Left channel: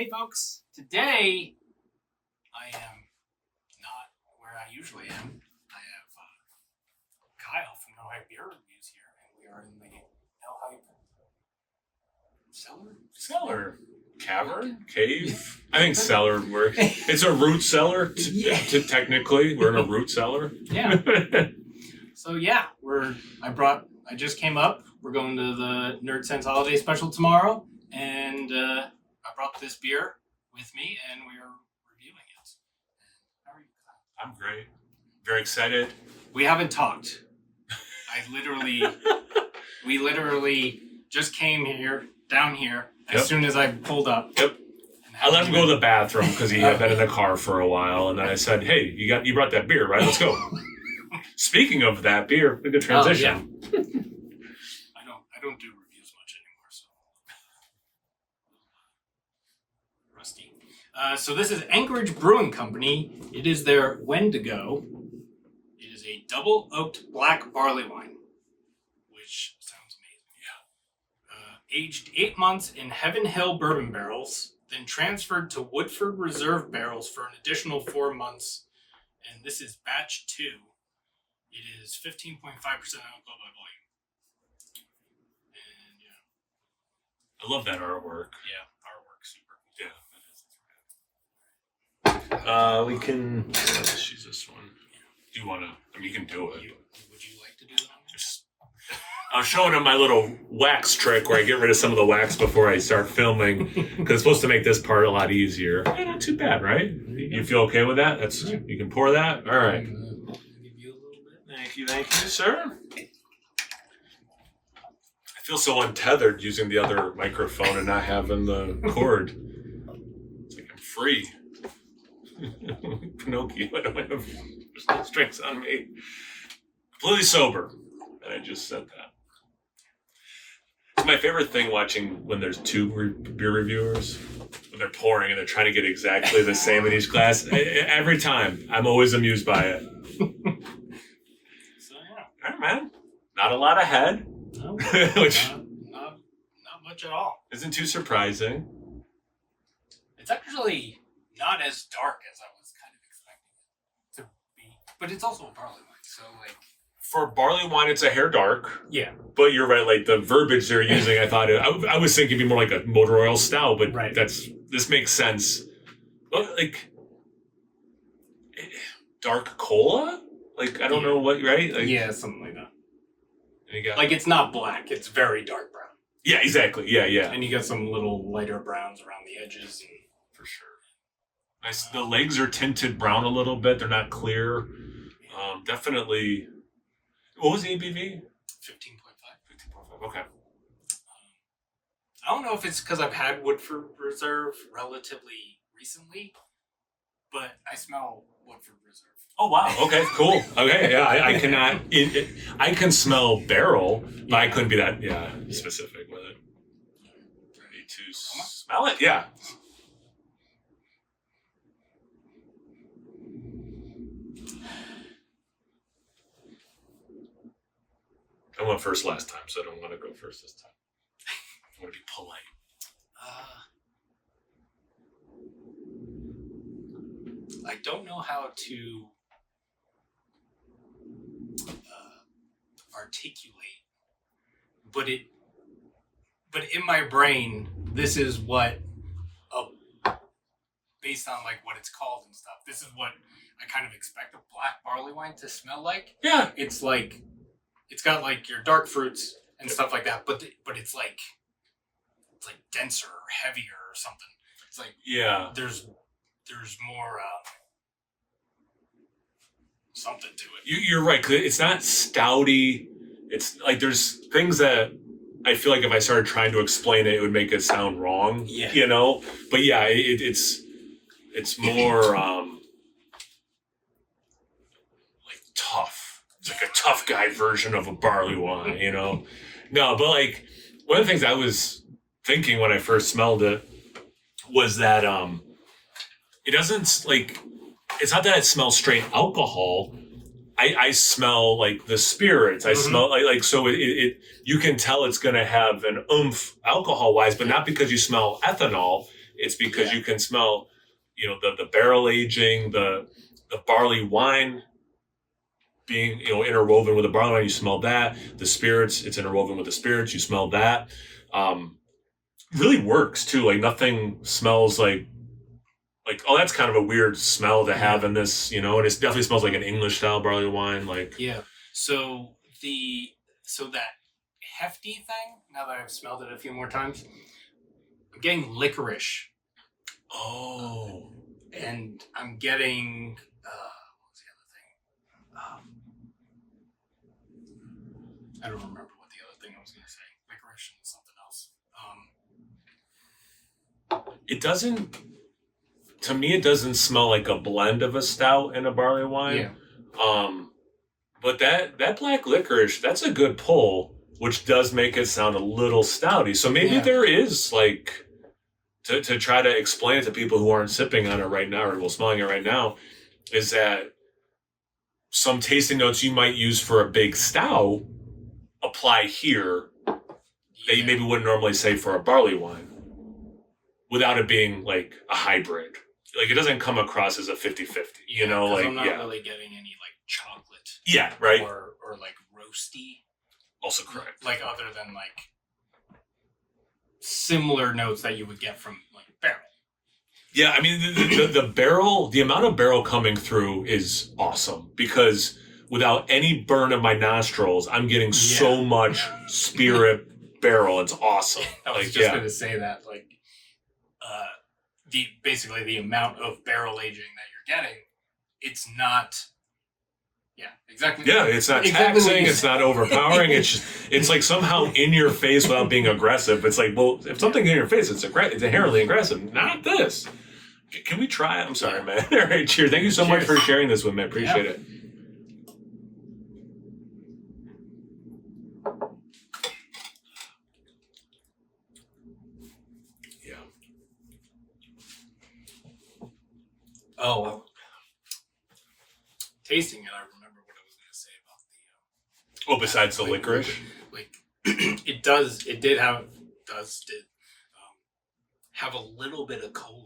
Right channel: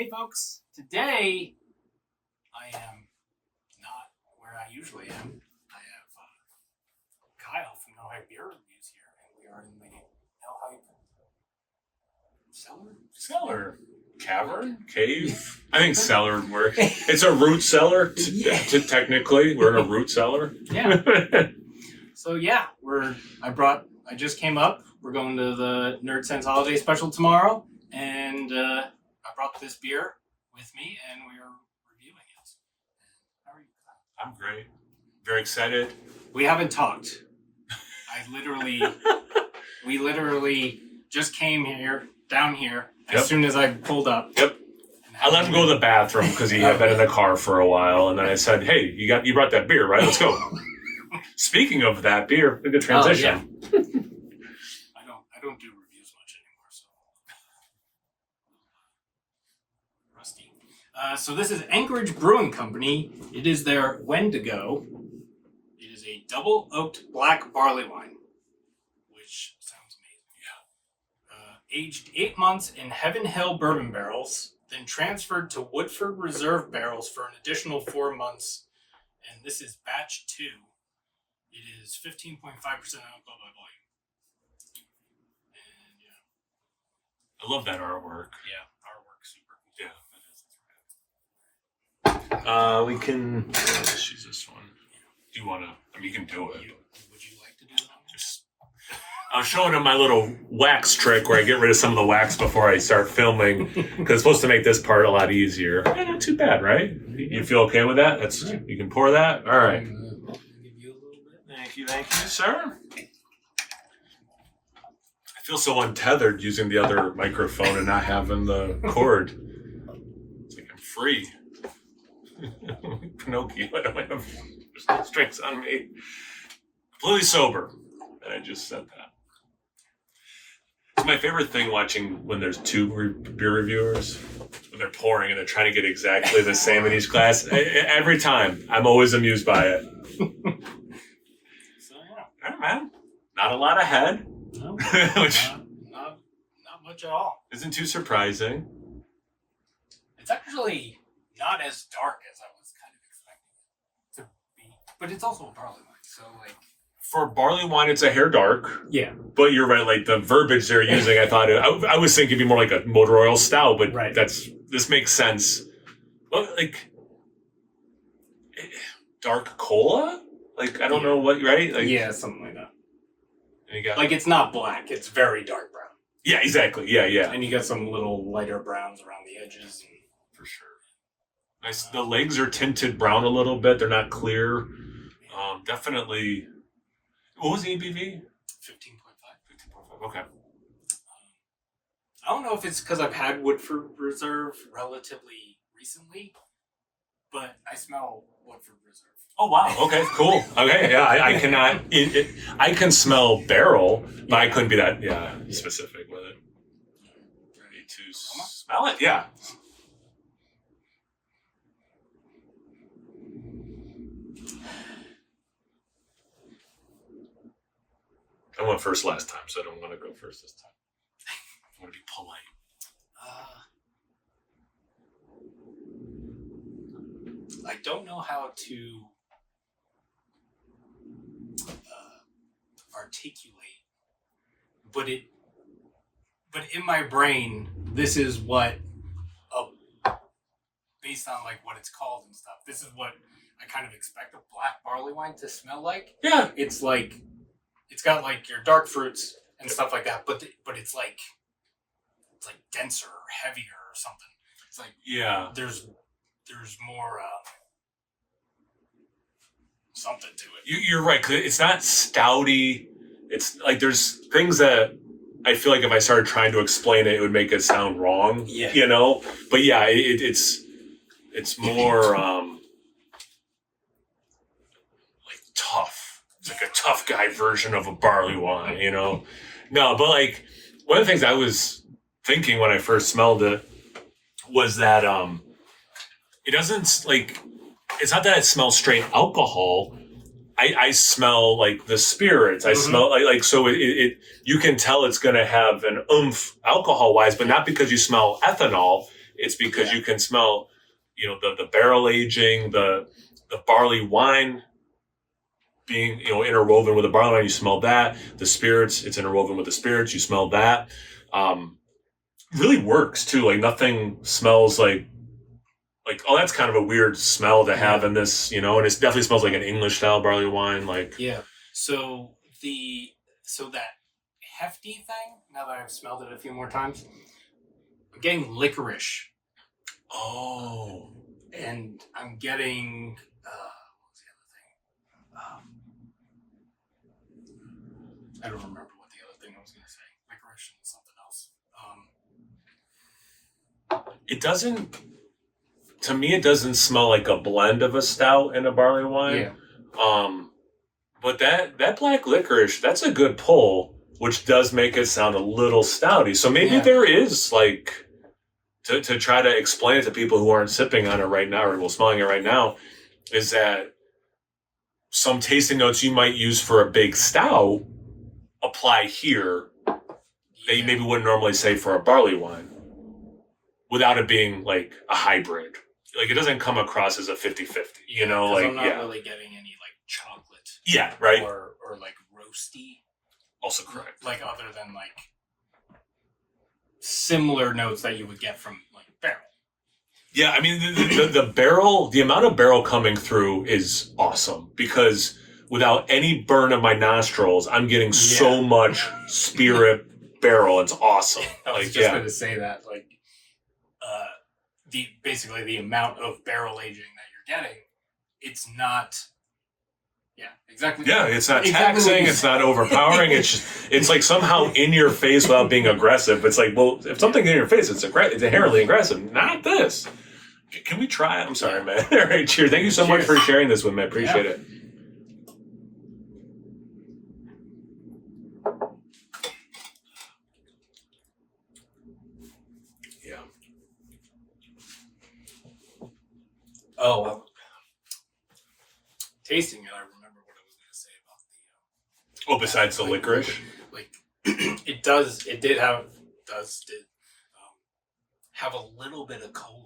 Hey folks, today I am not where I usually am. I have Kyle from No Hype Beer Reviews here, and we are in the No Hype cellar, cavern, cave. I think cellar would work. It's a root cellar. Technically, we're in a root cellar. Yeah. So yeah, I just came up. We're going to the Nerd Sense Holiday Special tomorrow, and I brought this beer with me, and we are reviewing it. How are you, Kyle? I'm great. Very excited. We haven't talked. We literally just came down here as soon as I pulled up. Yep. I let him go to the bathroom because he had been in the car for a while, and then I said, "Hey, you brought that beer, right? Let's go." Speaking of that beer, a good transition. Oh, yeah. I don't do reviews much anymore, so rusty. So this is Anchorage Brewing Company. It is their Wendigo. It is a double oaked black barley wine, which sounds amazing. Yeah. Aged 8 months in Heaven Hill bourbon barrels, then transferred to Woodford Reserve barrels for an additional 4 months. And this is batch 2. It is 15.5% alcohol by volume. And yeah. I love that artwork. Yeah, artwork super cool. Yeah. We can. Let's use this one. Do you want to? I mean, you can do it. Would you like to do that? I was showing him my little wax trick where I get rid of some of the wax before I start filming because it's supposed to make this part a lot easier. Yeah, not too bad, right? You feel okay with that? You can pour that. All right. Thank you, sir. I feel so untethered using the other microphone and not having the cord. It's like I'm free. Pinocchio, I don't have, there's no strings on me. Completely sober. And I just said that. It's my favorite thing watching when there's two beer reviewers, when they're pouring and they're trying to get exactly the same in each glass. Every time, I'm always amused by it. All right, man. Not a lot of head. No, which not much at all. Isn't too surprising. It's actually not as dark as I was kind of expecting it to be. But it's also a barley wine, so like... For barley wine, it's a hair dark. Yeah. But you're right, like the verbiage they're using, I thought, I was thinking it'd be more like a motor oil stout, but right. This makes sense. Well, like, dark cola? Like, I don't know what, right? Like, yeah, something like that. And you got, like, it's not black, it's very dark brown. Yeah, exactly. Yeah. And you got some little lighter browns around the edges. For sure. Nice. The legs are tinted brown a little bit. They're not clear. Definitely. What was the ABV? 15.5. 15.5. Okay. I don't know if it's because I've had Woodford Reserve relatively recently, but I smell Woodford Reserve. Oh, wow. Okay, cool. Okay, yeah, I cannot... I can smell barrel, but I couldn't be that, specific with it. Ready to smell it? Yeah. I went first last time, so I don't want to go first this time. I want to be polite. I don't know how to articulate, but in my brain, this is what, based on like what it's called and stuff, this is what I kind of expect a black barley wine to smell like. Yeah. It's like, it's got like your dark fruits and stuff like that, but it's like denser or heavier or something. It's like, there's more something to it. You're right. 'Cause it's not stouty. It's like there's things that I feel like if I started trying to explain it, it would make it sound wrong. Yeah. You know. But yeah, it's more like tough. It's like a tough guy version of a barley wine. You know. No, but like one of the things I was thinking when I first smelled it was that it doesn't like. It's not that it smells straight alcohol. I smell like the spirits. I smell like so it you can tell it's going to have an oomph alcohol wise, but not because you smell ethanol. It's because you can smell, the barrel aging, the barley wine being, interwoven with the barley wine. You smell that. The spirits, it's interwoven with the spirits. You smell that. Really works too. Like nothing smells like, oh, that's kind of a weird smell to have in this, and it definitely smells like an English style barley wine. Like, So that hefty thing, now that I've smelled it a few more times, I'm getting licorice. Oh. And I'm getting, what was the other thing? I don't remember what the other thing I was going to say. Licorice and something else. It doesn't, to me, it doesn't smell like a blend of a stout and a barley wine. But that black licorice, that's a good pull, which does make it sound a little stouty. So maybe there is like, to try to explain it to people who aren't sipping on it right now or smelling it right now, is that some tasting notes you might use for a big stout apply here that you maybe wouldn't normally say for a barley wine without it being like a hybrid. Like it doesn't come across as a 50-50, like, I'm not really getting any like chocolate. Yeah, right. Or like roasty. Also correct. Like other than like similar notes that you would get from like barrel. Yeah, I mean the barrel, the amount of barrel coming through is awesome because without any burn of my nostrils, I'm getting so much spirit barrel. It's awesome. I was just going to say that, like, basically the amount of barrel aging that you're getting, it's not. Yeah, exactly. Yeah, it's not taxing. It's not overpowering. It's like somehow in your face without being aggressive. It's like, well, if something's in your face, it's inherently aggressive. Not this. Can we try it? I'm sorry, man. All right, cheers. Thank you so much for sharing this with me. I appreciate it. Yeah. Oh, well. Tasting it, I remember what I was going to say about the. Besides the licorice, like it did have a little bit of cola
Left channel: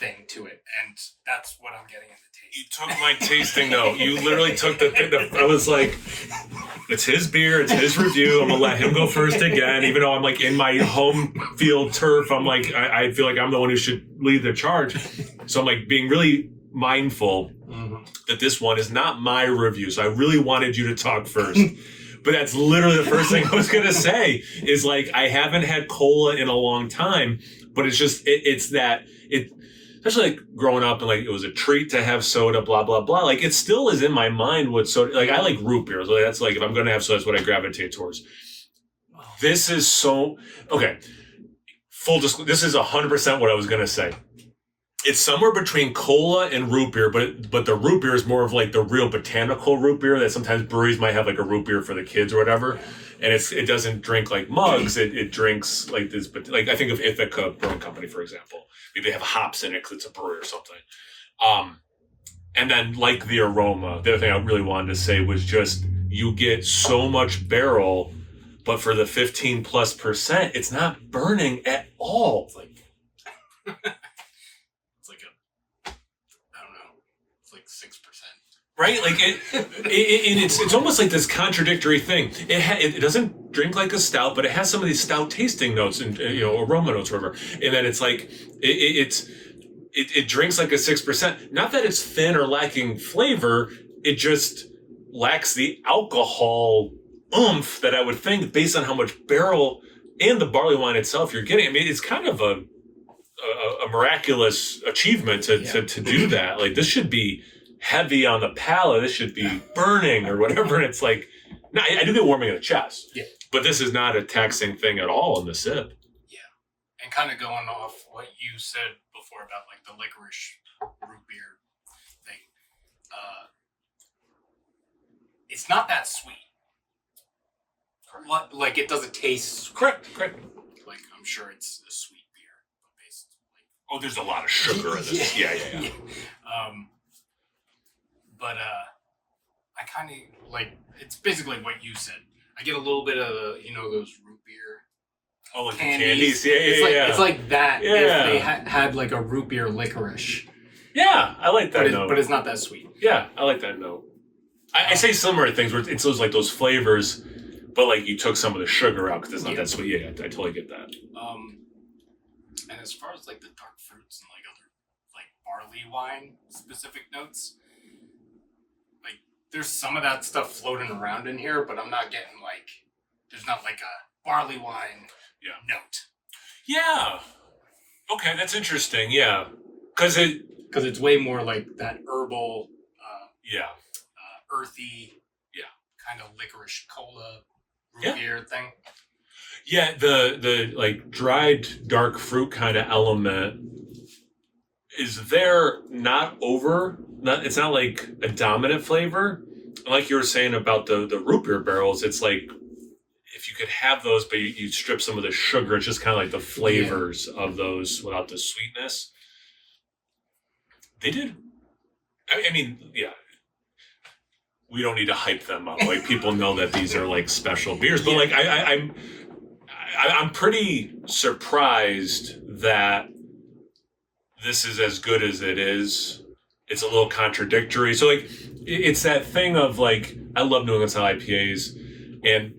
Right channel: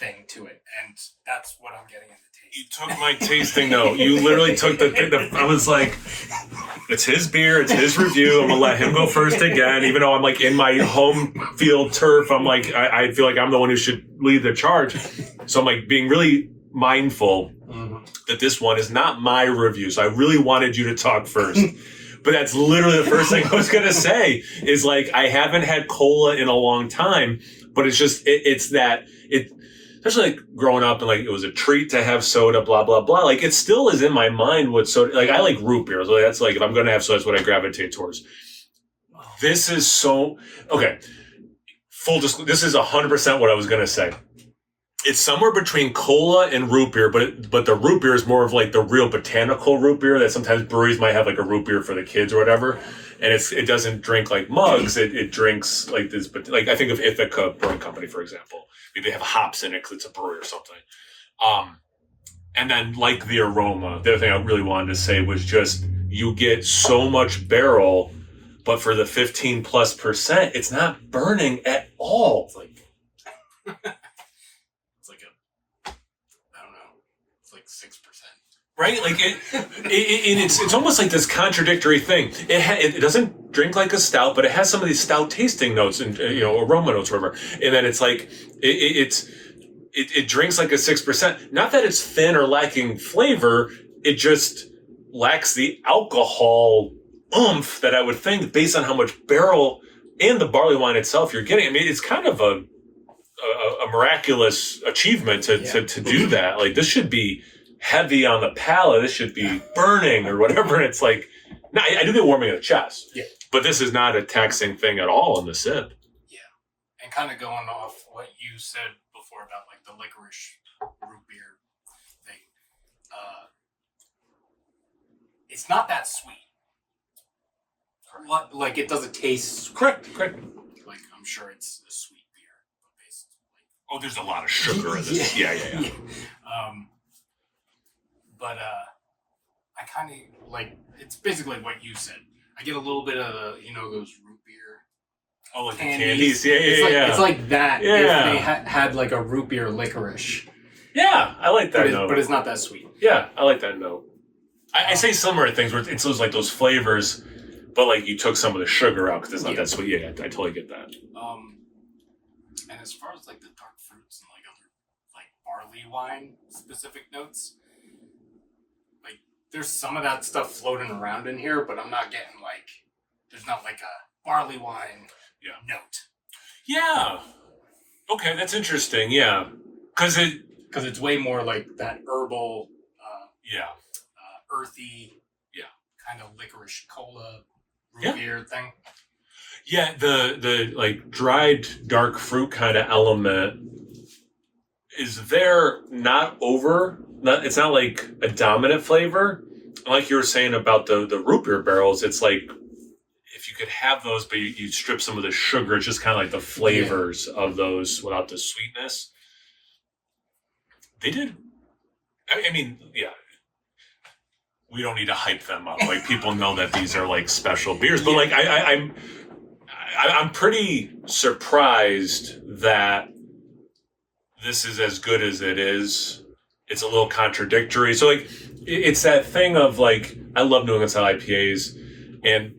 thing to it, and that's what I'm getting in the taste. You took my tasting note. You literally took the thing. I was like, it's his beer, it's his review. I'm gonna let him go first again, even though I'm like in my home field turf. I'm like, I feel like I'm the one who should lead the charge. So I'm like being really mindful that this one is not my review. So I really wanted you to talk first. But that's literally the first thing I was going to say is like, I haven't had cola in a long time, but it's just, especially like growing up and like it was a treat to have soda, blah, blah, blah. Like it still is in my mind what soda, like I like root beer. So that's like, if I'm going to have soda, that's what I gravitate towards. This is so, okay. This is 100% what I was going to say. It's somewhere between cola and root beer, but the root beer is more of like the real botanical root beer that sometimes breweries might have like a root beer for the kids or whatever. And it doesn't drink like mugs. It drinks like this, but like I think of Ithaca Brewing Company, for example. Maybe they have hops in it because it's a brewery or something. And then like the aroma, the other thing I really wanted to say was just you get so much barrel, but for the 15+%, it's not burning at all. It's like It's like 6%. Right? Like it's almost like this contradictory thing. It doesn't drink like a stout, but it has some of these stout tasting notes and aroma notes, or whatever. And then it's like it drinks like a 6%. Not that it's thin or lacking flavor. It just lacks the alcohol oomph that I would think based on how much barrel and the barley wine itself you're getting. I mean, it's kind of a miraculous achievement to do that. Like this should be heavy on the palate. This should be burning or whatever. And it's like, no, I do get warming in the chest. Yeah. But this is not a taxing thing at all in the sip. Yeah. And kind of going off what you said before about like the licorice root beer thing. It's not that sweet. Like it doesn't taste correct. Like I'm sure it's a sweet beer, but basically. Oh, there's a lot of sugar in this. Yeah. But I kind of like it's basically what you said. I get a little bit of those root beer Oh, like candies. the candies. Yeah. It's like that Yeah. if they had like a root beer licorice. Yeah, I like that note. But it's not that sweet. Yeah, I like that note. I say similar things where it's those like those flavors, but like you took some of the sugar out because it's not that sweet. Yeah, I totally get that. And as far as like the dark fruits and like other like barley wine specific notes, like there's some of that stuff floating around in here, but I'm not getting like there's not like a barley wine note. Yeah. Okay, that's interesting. Yeah, because it's way more like that herbal, earthy, kind of licorice cola root beer thing. Yeah, the like dried dark fruit kind of element is there not over. It's not like a dominant flavor. Like you were saying about the root beer barrels, it's like if you could have those, but you strip some of the sugar, it's just kind of like the flavors of those without the sweetness. They did. I mean, yeah. We don't need to hype them up. Like people know that these are like special beers, but like I'm pretty surprised that this is as good as it is. It's a little contradictory. So like it's that thing of like I love New England style IPAs, and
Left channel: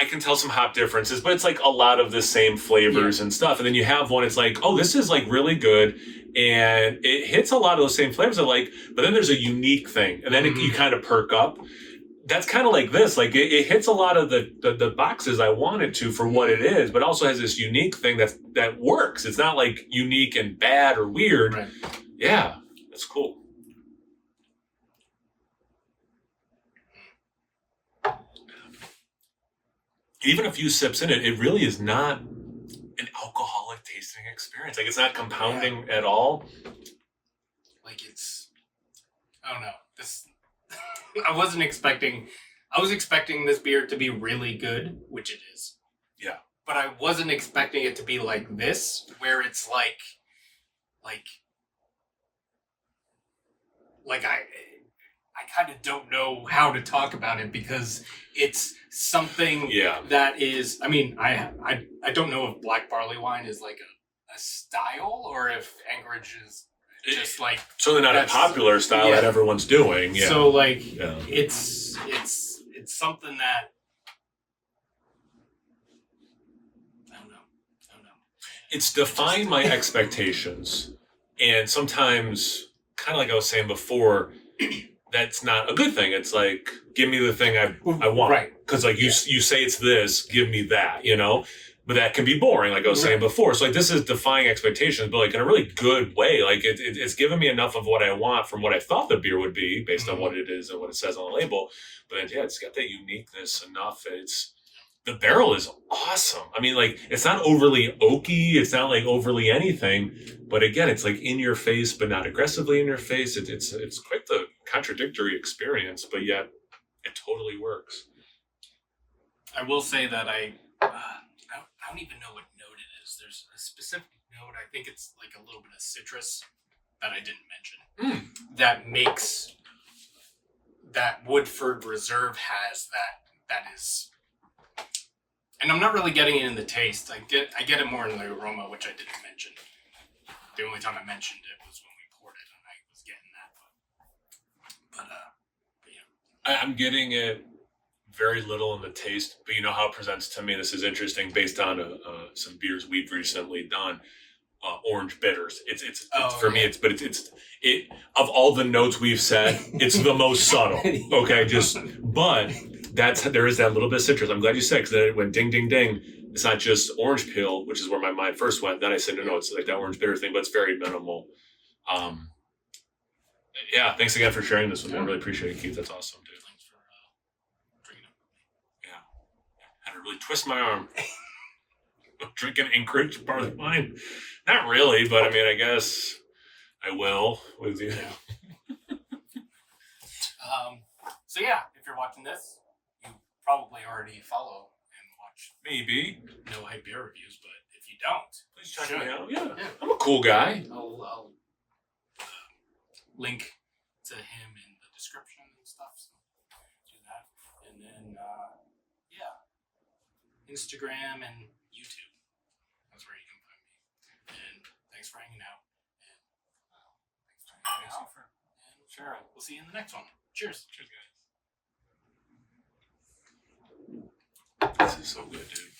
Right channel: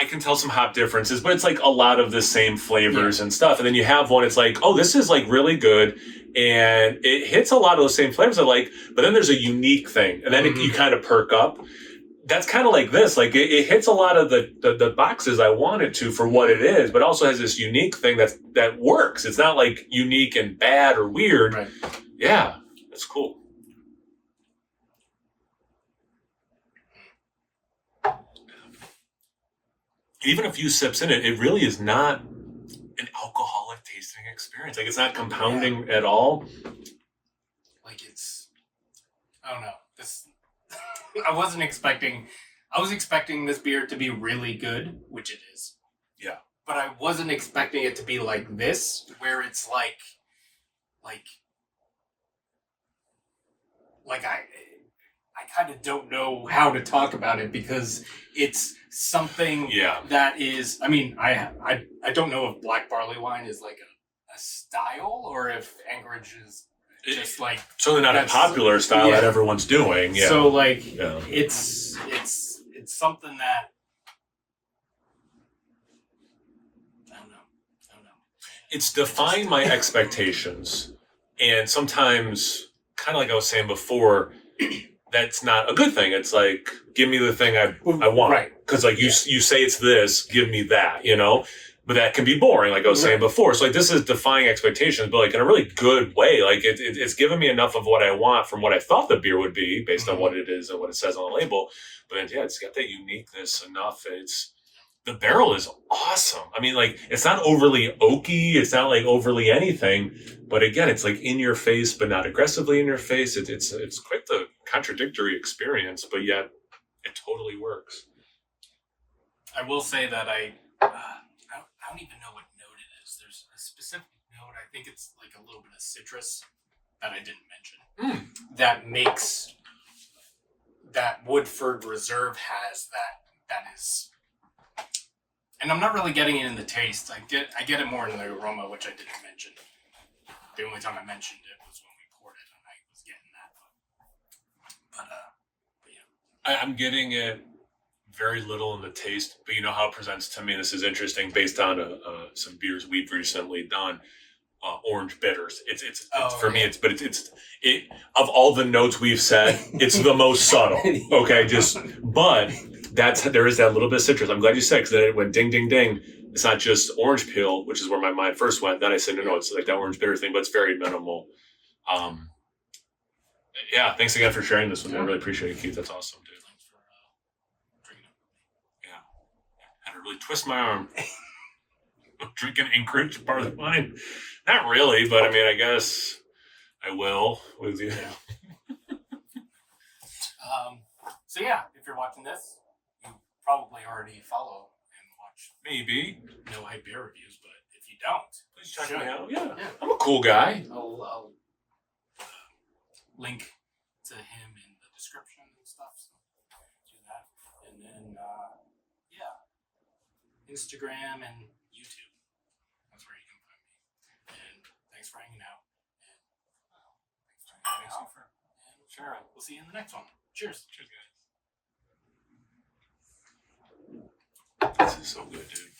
I can tell some hop differences, but it's like a lot of the same flavors and stuff. And then you have one, it's like, oh, this is like really good. And it hits a lot of those same flavors I like, but then there's a unique thing. And then you kind of perk up. That's kind of like this. Like it hits a lot of the boxes I wanted to for what it is, but also has this unique thing that works. It's not like unique and bad or weird. Right. Yeah, that's cool. Even a few sips in it, it really is not an alcoholic tasting experience. Like it's not compounding at all. Like I don't know. I was expecting this beer to be really good, which it is. Yeah. But I wasn't expecting it to be like this, where it's like I kind of don't know how to talk about it because it's something that is, I mean, I don't know if black barley wine is like a style or if Anchorage is just like certainly not a popular style that everyone's doing. Yeah. So like it's something that I don't know. It's defying my expectations, and sometimes kind of like I was saying before, that's not a good thing. It's like, give me the thing I want. Right. Because like you say it's this, give me that, you know? But that can be boring, like I was saying before. So like this is defying expectations, but like in a really good way. Like it's given me enough of what I want from what I thought the beer would be based on what it is and what it says on the label. But then, it's got that uniqueness enough. The barrel is awesome. I mean, like it's not overly oaky. It's not like overly anything. But again, it's like in your face, but not aggressively in your face. It's quite the contradictory experience, but yet it totally works. I will say that I don't even know what note it is. There's a specific note. I think it's like a little bit of citrus that I didn't mention. That makes that Woodford Reserve has that is. And I'm not really getting it in the taste. I get it more in the aroma, which I didn't mention. The only time I mentioned it was when we poured it, and I was getting that. But I'm getting it very little in the taste, but you know how it presents to me. This is interesting based on some beers we've recently done. Orange bitters. It's for me. It's of all the notes we've said, it's the most subtle. Okay, but there is that little bit of citrus. I'm glad you said, because then it went ding ding ding. It's not just orange peel, which is where my mind first went. Then I said no, it's like that orange bitter thing, but it's very minimal. Thanks again for sharing this with me. I really appreciate it, Keith. That's awesome, dude. Thanks for drinking it with me. Yeah, had to really twist my arm. Drinking Anchorage barley wine. Not really, but I mean, I guess I will with you. So if you're watching this, you probably already follow and watch. Maybe. No Hype Beer Reviews, but if you don't, please check me out. Yeah, I'm a cool guy. I'll link to him in the description and stuff. So do that, and then Instagram and YouTube. super. And sure, we'll see you in the next one. Cheers. Cheers, guys. This is so good, dude.